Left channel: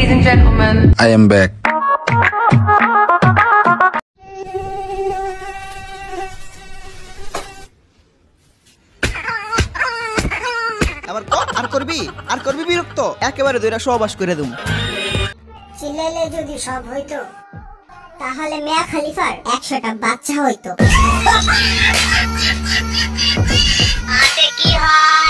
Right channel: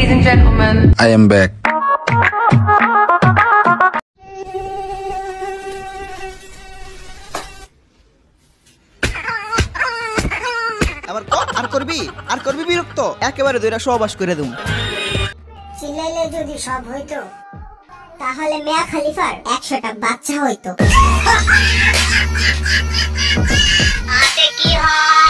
Ladies and gentlemen, I am back. আর করবি বিরক্ত একেবারে দুইটা সহবাস করে দেব। চিল্লাইলে যদি সব হইতো তাহলে মিয়া খলিফার 100টা বাচ্চা হইতো। আতে কি হয়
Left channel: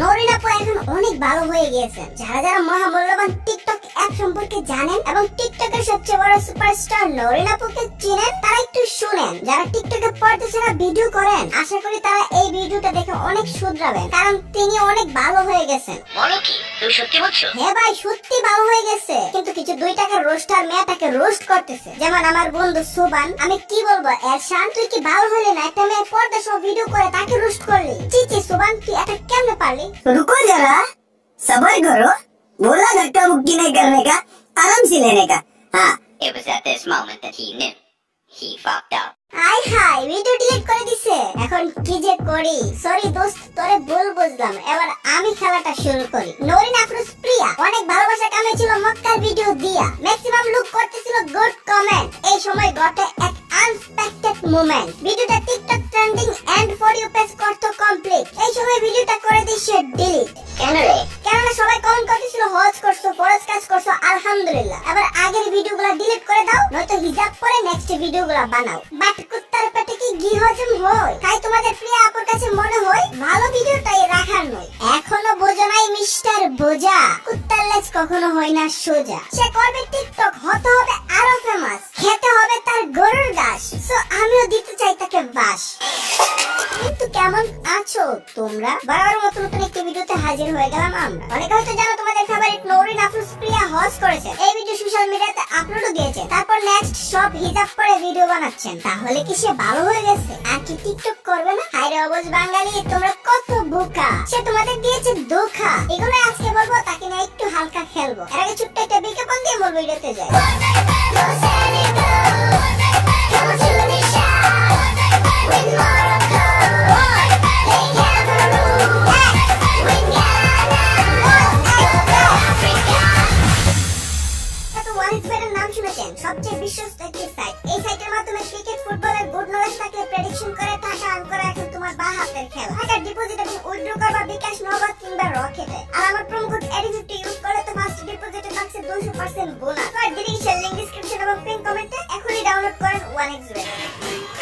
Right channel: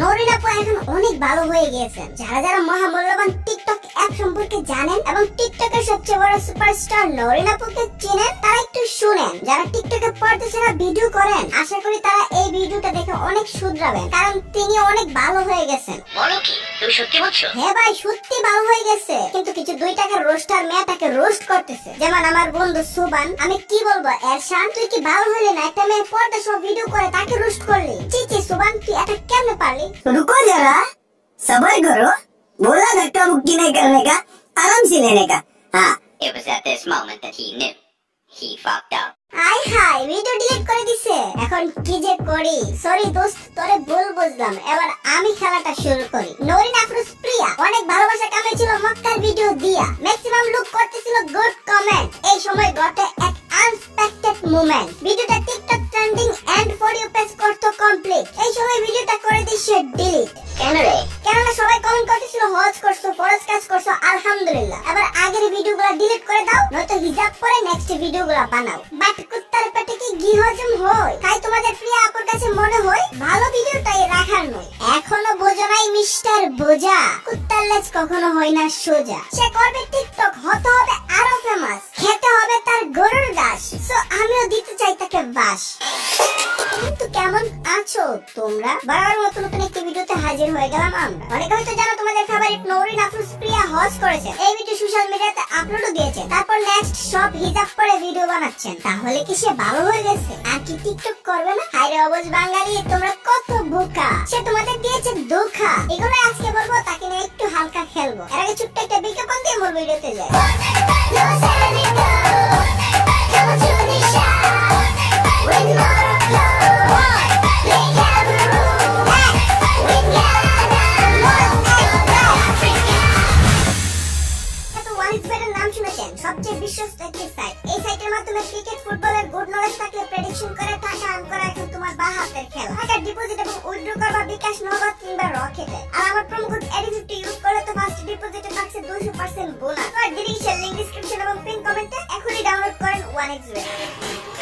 নরিন আপু এখন অনেক ভালো হয়ে গিয়েছেন। যারা যারা মহামূল্যবান টিকটক অ্যাপ সম্পর্কে জানেন এবং টিকটকের সবচেয়ে বড় সুপারস্টার নরিন আপুকে চেনেন তারা একটু শুনেন। যারা টিকটকে পর্দা ছাড়া ভিডিও করেন আশা করি তারা এই ভিডিওটা দেখে অনেক শুধরাবেন, কারণ তিনি অনেক ভালো হয়ে গেছেন। বলো কি তুমি সত্যি বলছো? হ্যাঁ ভাই সত্যি ভালো হয়ে গেছে, কিন্তু কিছু 2 টাকার রোস্টার মেয়েটাকে রোস্ট করতেছে। যেমন আমার বন্ধু সুবান। আমি কি বলবো এরশান, তুই কি ভালো হলে না? একটা মেয়ে পর্দা সব ভিডিও করে তাকে রোস্ট করলি। চিচি সুবান তুই এটা কেমনে পারলি? रुको जरा, सबर करो, बोला धक्का मुक्की नहीं करने का, आराम से लेने का। हाँ, It was at this moment that he knew he fucked up. আই হাই ভিডিও ডিলিট করে দিছে। এখন কি যে করি? সরি দোস্ত, তোরে ভুল বুঝলাম। এবার আমি খেলাটা শুরু করি। নরিন আফরোজ প্রিয়া অনেক ভালোবাসা কামিয়েছিল মক্কার ভিডিও দিয়া। ম্যাক্সিমাম লুক করতেছিল গুড কমেন্ট। এই সময় ঘটে এক আনএক্সপেক্টেড মোমেন্ট। ভিডিওটা TikTok trending and for you page করতে কমপ্লিট। এই সময় ভিডিওটা করে দিছে ডিলিট। কেন রে? কেননা সবাই কমেন্ট করতেছিল হজ করছো, ফরজ কাজ করছো, আলহামদুলিল্লাহ। এবার আগের ভিডিওগুলো ডিলিট করে দাও, নয়তো হিজাব পরে নেক্সট ভিডিওগুলো বানাও। বাট কুত্তার পেটে কি ঘি হজম হয়? তাই তোমাদের প্রিয় আপুর কাছে মনে হয় ভালো ভিডিওটাই রাখার নয়। এখনো বোঝো নাই মিস্টার বোঝা, কুত্তার লেজ কখনো হয় না সোজা। সে করবে টিকটক, হতে হবে আরো ফেমাস, খেতে হবে তার গরুর ঘাস। সো আমিও দিতে চাই তাকে বাস। কিন্তু কেমন আছো তোমরা? বরাবর মতো নতুন একটি ভিডিওতে হাজির হয়ে গেলাম আমরা। অনেকে হয়তো জানো তোমাদের ফেভারিট নরিন আফরোজ প্রিয়া হজ করেছেন। এই ভিডিও সোশ্যাল মিডিয়াতে আপলোডও দিয়েছেন। তারপর নেক্সট সব হিজাব পরে ভিডিও বানাচ্ছেন। তাহলে কি সে ভালো হয়ে গেছে? আর কি টিকটক করবে না? হায়রে অবুঝ বাঙালি, তোমরা কত বোকা। সে তোমাদের দিয়েছে ধোঁকা। এগুলো আজকে বলবো, তাকে নিয়ে একটু হালকা খেলবো। এর আগে ছোট্ট একটা বিজ্ঞাপন দিয়ে মূল ভিডিওতে যাই। সবচেয়ে বিশ্বস্ত একটি সাইট। এই সাইটের মাধ্যমে ক্রিকেট, ফুটবলের গুড নলেজ থাকলে প্রেডিকশন করে টাকা আর্ন করা এখন তোমার বাঁ হাতের খেলা। টাকা ডিপোজিট এবং উইথড্র করবা বিকাশ, নগদ কিংবা রকেটে। আর আমার প্রোমো কোড এডি50 ইউজ করলে তো ফার্স্ট ডিপোজিটে থাকছে 200% বোনাস। আর ডিরেকশন লিংক ডেসক্রিপশন এবং পিন কমেন্টে। এখনই ডাউনলোড করেন 1xbet।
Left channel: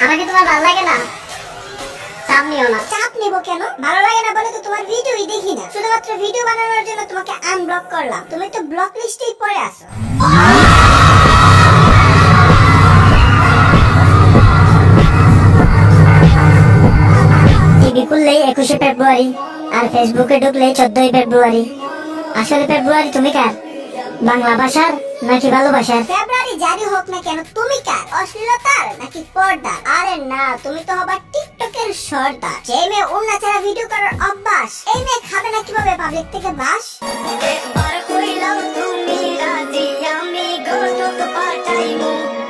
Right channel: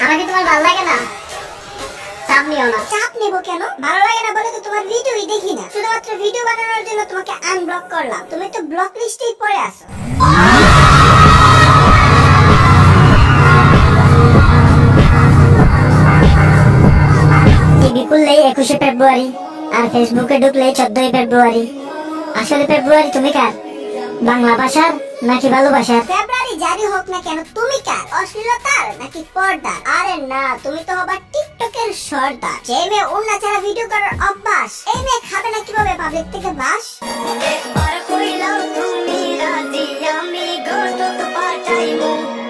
আমাকে তোমার ভালো লাগে না? চাপ নিও না। চাপ নিব কেন? ভালো লাগে না বলে তো তোমার ভিডিওই দেখি না। শুধুমাত্র ভিডিও বানানোর জন্য তোমাকে আনব্লক করলাম। তুমি তো ব্লক লিস্টেই পড়ে আছো। টিভি খুললেই 21শে ফেব্রুয়ারি, আর ফেসবুকে ঢুকলেই 14ই ফেব্রুয়ারি। আসলে ফেব্রুয়ারি তুমি কার? বাংলা ভাষার নাকি ভালোবাসার? ফেব্রুয়ারি যারই হোক না কেন তুমি কার? অশ্লীলতার নাকি পর্দার? আরে না, তুমি তো হবা টিকটকের সর্দার। যে মেয়ে উন্না ছাড়া ভিডিও করার অভ্যাস, এই মেয়ে খাবে না কিভাবে পাবলিক থেকে বাস?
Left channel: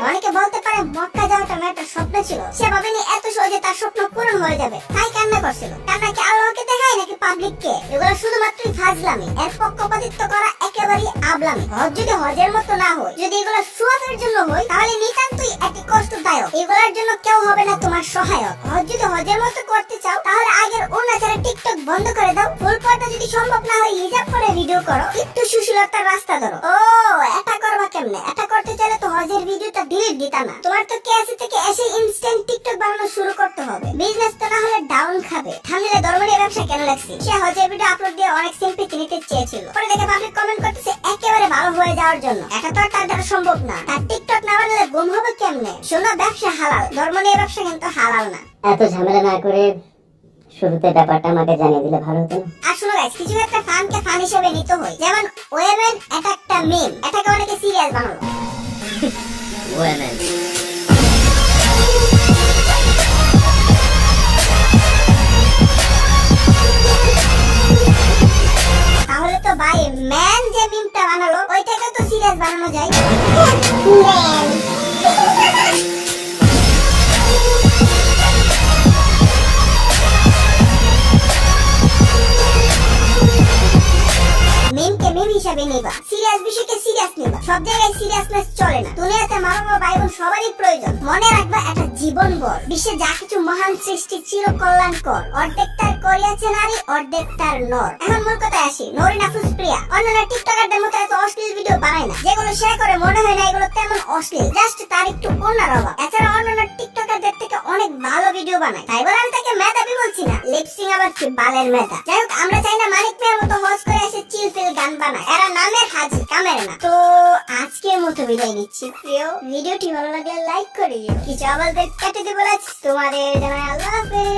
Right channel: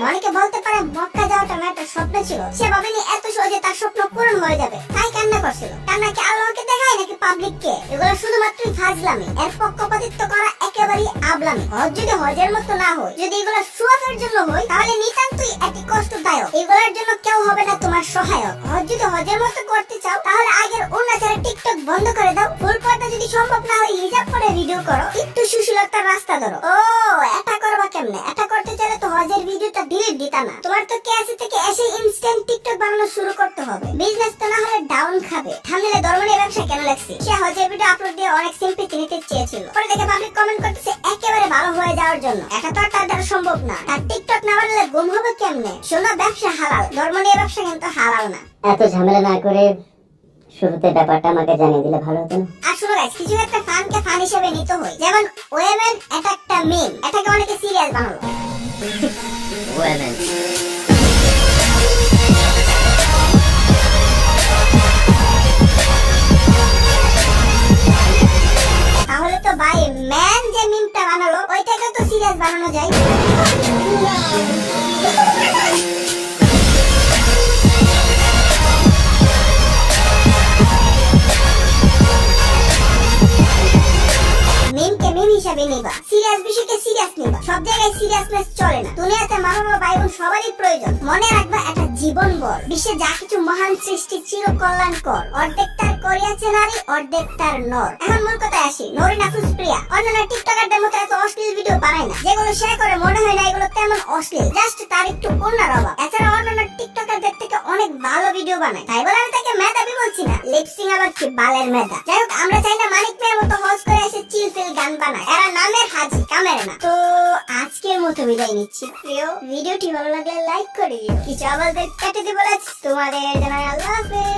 অনেকে বলতে পারে মক্কা যাওয়াটা মেয়েটার স্বপ্ন ছিল। সে ভাবেনি এত সহজে তার স্বপ্ন পূরণ হয়ে যাবে, তাই কান্না করছিল। কান্না কি আল্লাহকে দেখায় নাকি পাবলিককে? এগুলো শুধুমাত্রই ফাজলামি। এর পক্ষপাতিত্ব করা একেবারেই আবলামি। হজ যদি হজের মতো না হয়, যদি এগুলো সুয়াফের জন্য হয়, তাহলে নিতান্তই এটি কষ্টদায়ক। এগুলোর জন্য কেউ হবে না তোমার সহায়ক। হজ যদি হজের মতো করতে চাও, তাহলে আগের উন্নাচারে টিকটক বন্ধ করে দাও। ফুল পর্দা যদি সম্ভব না হয়, হিজাব পরে ভিডিও করো। একটু সুশীলতার রাস্তা ধরো। ও এটা করবা কেমনে? এটা করতে চাইলে তো হজের ভিডিওটা ডিলিট দিতা না। তোমার তো কেসি থেকে এসে ইনস্ট্যান্ট টিকটক বানানো শুরু করতে হবে। বিজনেস তো না হলে ডাউন খাবে। থাম্বনেলে ধর্ম নিয়ে ব্যবসা কেন লাগছে? সে হজের ভিডিও আপলোড দিয়ে অনেক সিম্পথি নিতে চেয়েছিল। পরে দেখে পাবলিক কমেন্ট করতেছে একেবারে ভালো হয়ে যাওয়ার জন্য। এটা তো আর তার দ্বারা সম্ভব না। তার টিকটক না বানালে গুম হবে কেমনে? শোনো, ব্যবসা হালাল, ধর্ম নিয়ে ব্যবসা কিন্তু হালাল না। এত ঝামেলা না করে শুরুতে ব্যাপারটা আমাকে জানিয়ে দিলে ভালো হতো না? আর শোনো গাইস, কিছু একটা ফানকে ফান হিসেবে নিতে হয়। যেমন ওয়েমেন, এটা একটা মিম। এটাকে অনেকে সিরিয়াস বানালো। Women. তাহলে তো ওইটাকে তো সিরিয়াস বানানো যায়। মিমকে মিম হিসাবে নিবা, সিরিয়াস বিষয়কে সিরিয়াস নিবা। সব জায়গায় সিরিয়াসনেস চলে না। দুনিয়াতে মা বাবা ভাই বোন সবারই প্রয়োজন। মনে রাখবা একটা জীবন বর। বিশ্বে যা কিছু মহান সৃষ্টি চির কল্যাণকর। অর্ধেক তার করিয়াছে নারী, অর্ধেক তার নর। এখন মূল কথায় আসি। নরিন আফরোজ প্রিয়া অন্যান্য টিকটকারদের মতো এত অশ্লীল ভিডিও বানায় না। যেগুলো শেয়ার করে মনে হয় না এগুলো তেমন অশ্লীল, জাস্ট তার একটু অন্যার অভাব। এছাড়া অন্যান্য টিকটকারদের থেকে অনেক ভালো ভিডিও বানায়। তাই বলে আমি তাকে মেধাবী বলছি না। লিপসিং আবার কি বালের মেধা। যাই হোক, আমরা চাই না মানিক মিয়ার মতো হজ করে এসে চিল ফিল গান বানায়। এরা নামের হাজি, কামের না। তো আজকের মতো বিদায় নিচ্ছি। প্রিয় ভিডিওটি ভালো লাগলে লাইক করে দিও। কিছু আমাদের কেটে দিব, তোমাদের জানাই আল্লাহ হাফেজ।